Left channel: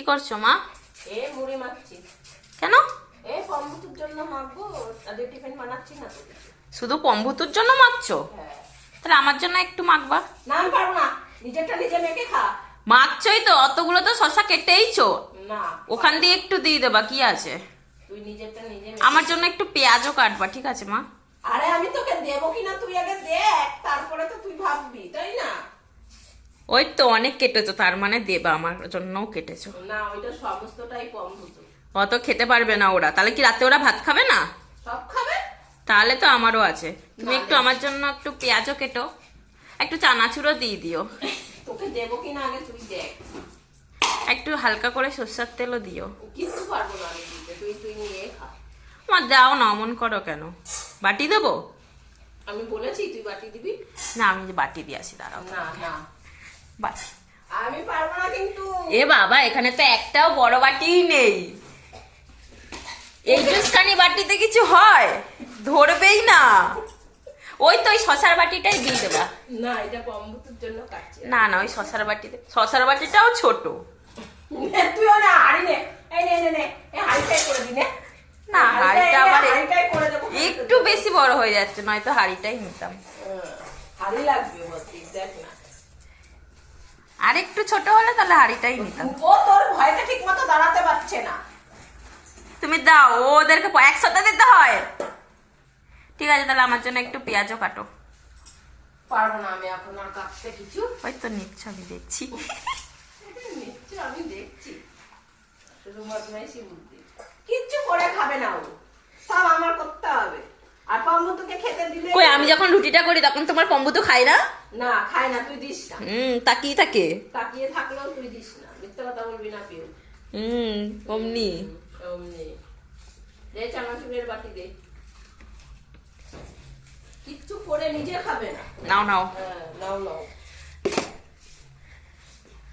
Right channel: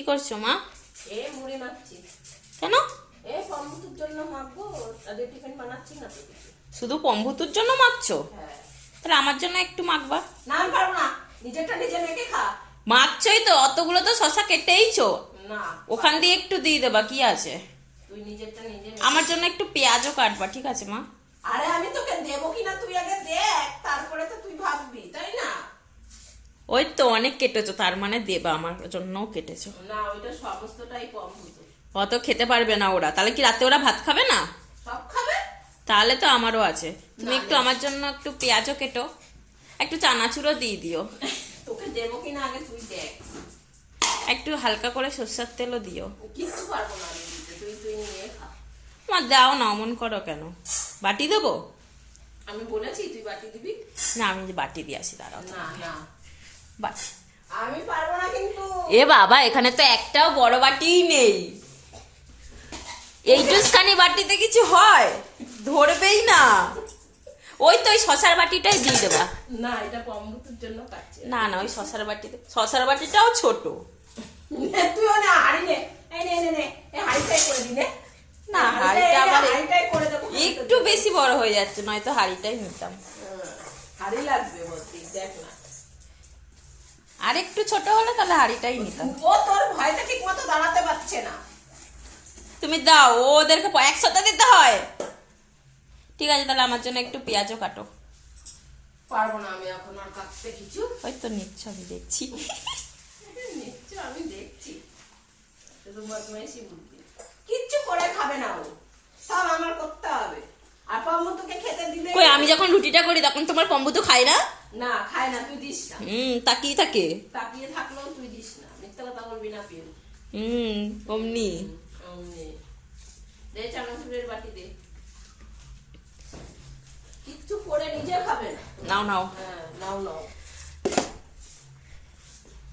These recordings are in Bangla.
কি করছ মা? এ মুড়ি মাখছি। কেন? এ কম্বুতুর জন্য মাখবো টিফিন বানাচ্ছি না শুধু পম্ভুতুর জন্য মাখছো? হ্যাঁ। তাহলে আমার জন্য একটু মাখবা। না আমি পারব না। নিজেরটা নিজে মেখে খা। মাখছই তো অতগুলো তো শশা কেটেইছো। না ওখান দিয়ে একটু দিয়ে দেবা কি আছে? তুই নিজেরটা নিজে আমার জন্য একটু পেঁয়াজও কাটবা ঠিক আছে মা? আরে আমি তোকে দেবো কিনা তুই আগে দেখ তারপরে তো তুই ভাববি তাই না? ওই তো অনেক কেটেছো তার মানে দেবা আমার জন্যও কেটেছো। না ওইটা সমস্তটাই কম্বুত অত খেতে পারবে না ওরা। তাহলে কি রাতে ওরা ভাত খাবে না? সব খাবে? তাহলে তো আমারও আছে। তুমি একটু আমার জন্য একটু পেঁয়াজও কেটো। একটু চানাচুরও দিয়ে দিও। তোকে দেবো কিনা আগে তুই দেখ। একটু হালকা করে সর্ষের তেলও দিও। কিছু পারব না তুই তুই নিয়ে খা। আমার দাও না অমন করো কেন? বাটি দেবো? আমি বলেছি তুই বাটি দিবি? না আমি বাটি দিয়ে আসি দাঁড়াও। না না। বাস। আমি পারব না কিন্তু। এ বাবা এখানে তো একটাও বড় বাটিই নেই। এই জুসখানি বাটিতে কিছু হয়? ধরবেই না। ওই তো ওই শশার বাটিটাই দিয়ে দেবা। না এটা জন্য কাটছি। না না ওই শশার বাটিতে শশার বাটিটাও ছোট। নে, তুইও না হাড়ি নে। এই নে নে নে এই হাড়িটাই করে দি নে। না, হাঁড়িটা আবার একটু বেশি বড় হয়ে যাচ্ছে নয়তো হাড়িটাই নিতাম। হাড়ি লাগবে দেখ না। আর একটু ছোট হলে তাহলে হাড়িটাই নিতাম। ও তোর ভয়টা ঠিক মতো দাঁড়াতে পারছে না। তুমি দাও ও ওদেরকে প- একসাথে দিতে হয়। ঠিক আছে তাহলে আমার জন্য একটু পেঁয়াজও কাটো। পারব না আমি এখন আর কাটতে কিছু। ওই তো নিচ্ছ আমি দেখছি। নিশ্চয় আমি দেখছি। শুধু বদমাইশি বুদ্ধি। কিচ্ছু করে খাবে না ও। সব আমার করতে হবে। আর পম্বুতুকে খেতে দিলে কই আমি যখন রুটিটা করি তখন তোমার কম্বু তো খাই না? না খায় না তুই দিস না। হুম তাকিয়ে থাকে। তাকিয়ে থাকলেও তুই দিস না। মিথ্যে কথা বলবি না পিউ হুম অমনি। অমনি। দে চানাচুরের বাটি দে। কিচ্ছু করে নিজে খাবে না। নাও নাও। হ্যাঁ নাও নাও।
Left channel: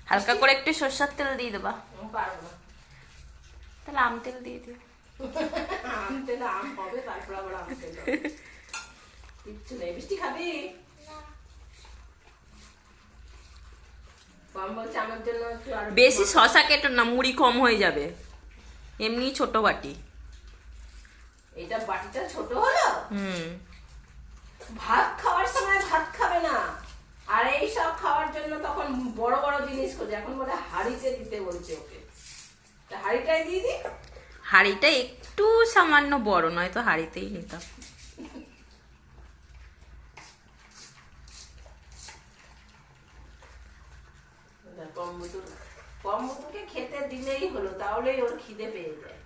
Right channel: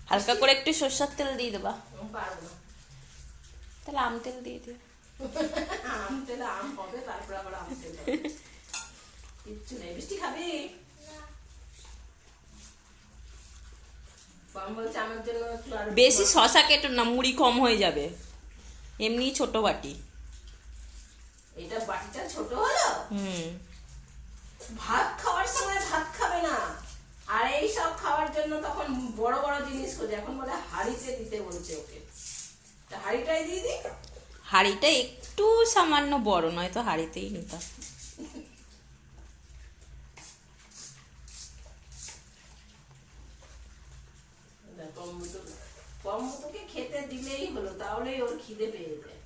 হালকা করে একটু সর্ষের তেল দিয়ে দেবা। পারব না। তাহলে আম তেল দিয়ে দিও আম তেলে আম হবে তারপর আবার আম তেল কিচ্ছু নেই। মিষ্টি খাবি কম বলছে আমার জন্য একটু আর বেশি শশা কেটো না মুড়ি কম হয়ে যাবে। এমনি ছোট বাটি। এটা বাটিটা ছোট হলো? হুম। ভাত খাওয়ার সময় ভাত খাবে না। আর এই সব খাওয়ার জন্য তখন বড় বড় জিনিস খোঁজে। এখন বলে হাড়িতে দিতে বলছে ওকে। তা হাড়িটাই দিয়ে দি হাঁড়িটা একটু সামান্য বড় নয় তো হাঁড়িতেই নিতাম। কম্বুতু কম্বুতুকে খেতে দিলেই হলো তাহলেই ওর খিদে পেয়ে যায়।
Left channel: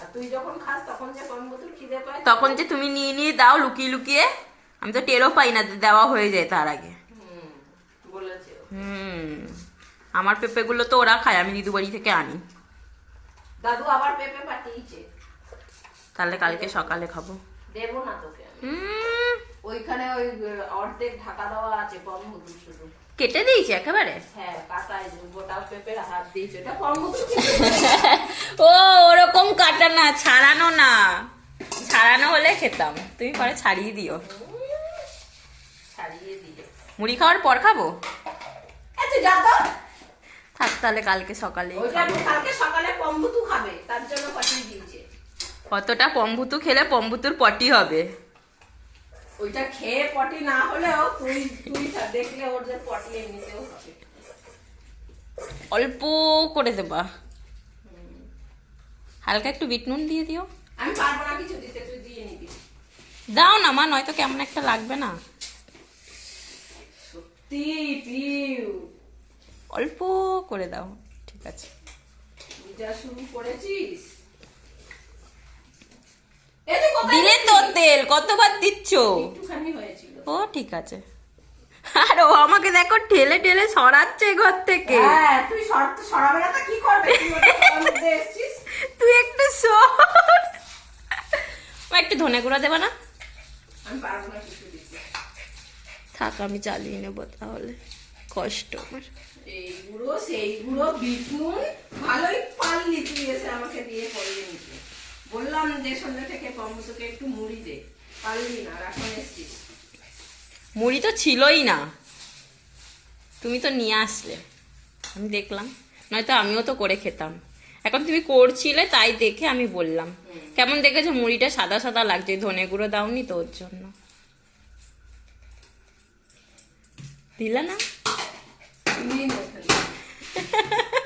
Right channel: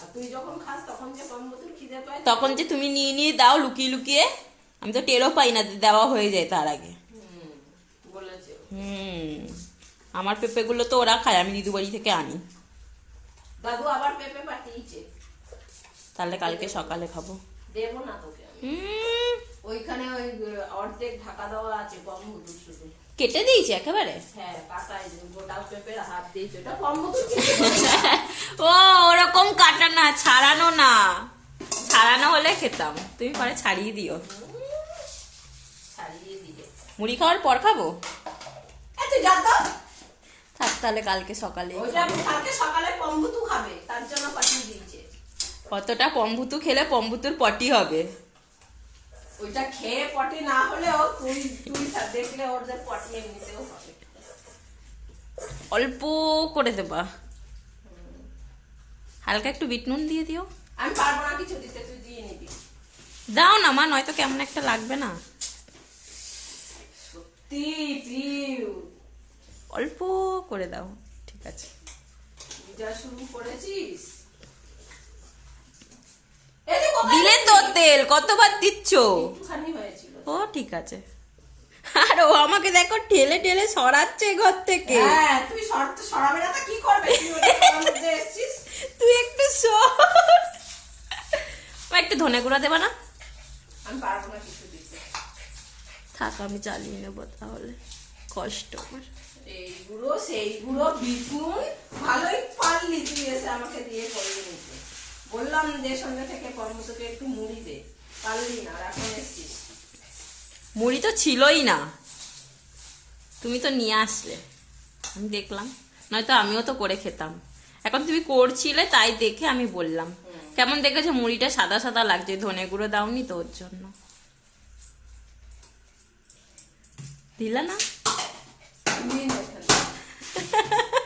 আর তুই যখন খাস তখন যে কম্বুতুর খিদে পায় তখন যে তুমি নিয়ে নিয়ে দাও লুকিয়ে লুকিয়ে আমি তো টেরও পাই না দেওয়া হয়ে যায় তার আগে। হুম, আমার পেঁপেগুলো তো ওরা খায় আমি দিদু বাড়ি থেকে আনি। দাদু আবার পেঁপে পাঠিয়েছে। তাহলে কালকে সকালে খাব। দেবো না তোকে ওইখানে ওই অর্ধেক ঢাকা দেওয়া আছে কম্বুতু শুধু। কেটে দিয়েছি একেবারে। হ্যাঁ ও ওরকম কাটা না ছাড়ানো না। ছাড়ানো হলে খেতাম। তুমি পরে ছাড়িয়ে দিও। মুড়ি খাওয়ার পর খাব? থাক তাহলে কালকে সকালে কতটা পম্বুতু খেলে পম্বুতুর পটি হবে। ওইটা খেয়ে পটি না হলেও তুই তুই দেখলে ওদের পটি এমনিতেও হবে। অল্প করে দেবা। হালকা একটু বিট নুন দিয়ে দিও। আমি পারব না কিছু দিতে তুই দিয়ে নিবি। দাও না মা নয়তো কেমন একটা লাগবে না। সত্যি অল্প করে দাও ঠিক আছে। যা শুরু করেছিস। যে দিলে তো তেল কতবার দিচ্ছ? ও ঠিক আছে। আর ও আমাকে দেখো ঠেলে ঠেলে সরাচ্ছে ঘর থেকে। হ্যাঁ তুই একটু একটু ধনে গুঁড়া দেবা না? থাক আমি চালিয়ে নেব তাহলে। কষ্ট আমার। এই গুঁড়ো সেই গুঁড়ো ভালোই পারলি তুই এসে আমাকে দিয়ে করিয়ে নিতে। বললাম যে সন্ধ্যা থেকে কম্বুতকে একটু মুড়ি দে। পারলি না এখন এসছিস মুড়ি তো ছিলই না। তুমি তো নিয়ে আসলে। আমি দেখলাম। নয়তো আমিও তো করে খেতাম। এখন তুমি করছিলে তাই দেখে আমি বললাম। কেমন দেখেছ মুড়িটা? সাদা সাদা লাগছে। ধনে গুঁড়ো দাওনি তো ওর জন্য। দিলা না?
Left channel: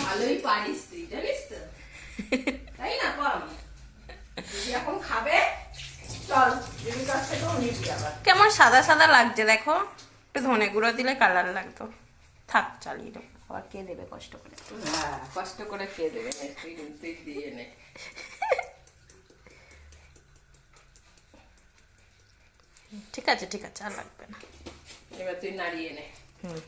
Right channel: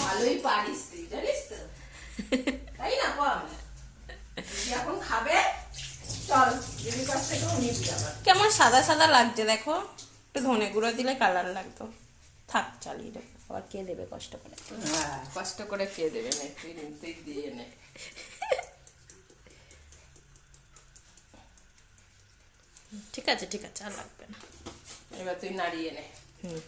ভালোই পারিস। তাই না কম এখন খাবে? চল কেমন সাদা সাদা লাগছে দেখো। একটু ধনে গুঁড়ো দিলে কালার লাগতো। থাক চালিয়ে দেবো। আবার কে দেবে কষ্ট করে? হ্যাঁ কষ্ট করে খেয়ে দেবে? দিয়ে নে। ঠিক আছে ঠিক আছে আর লাগবে না। এবার তুই নাড়িয়ে নে। হুম।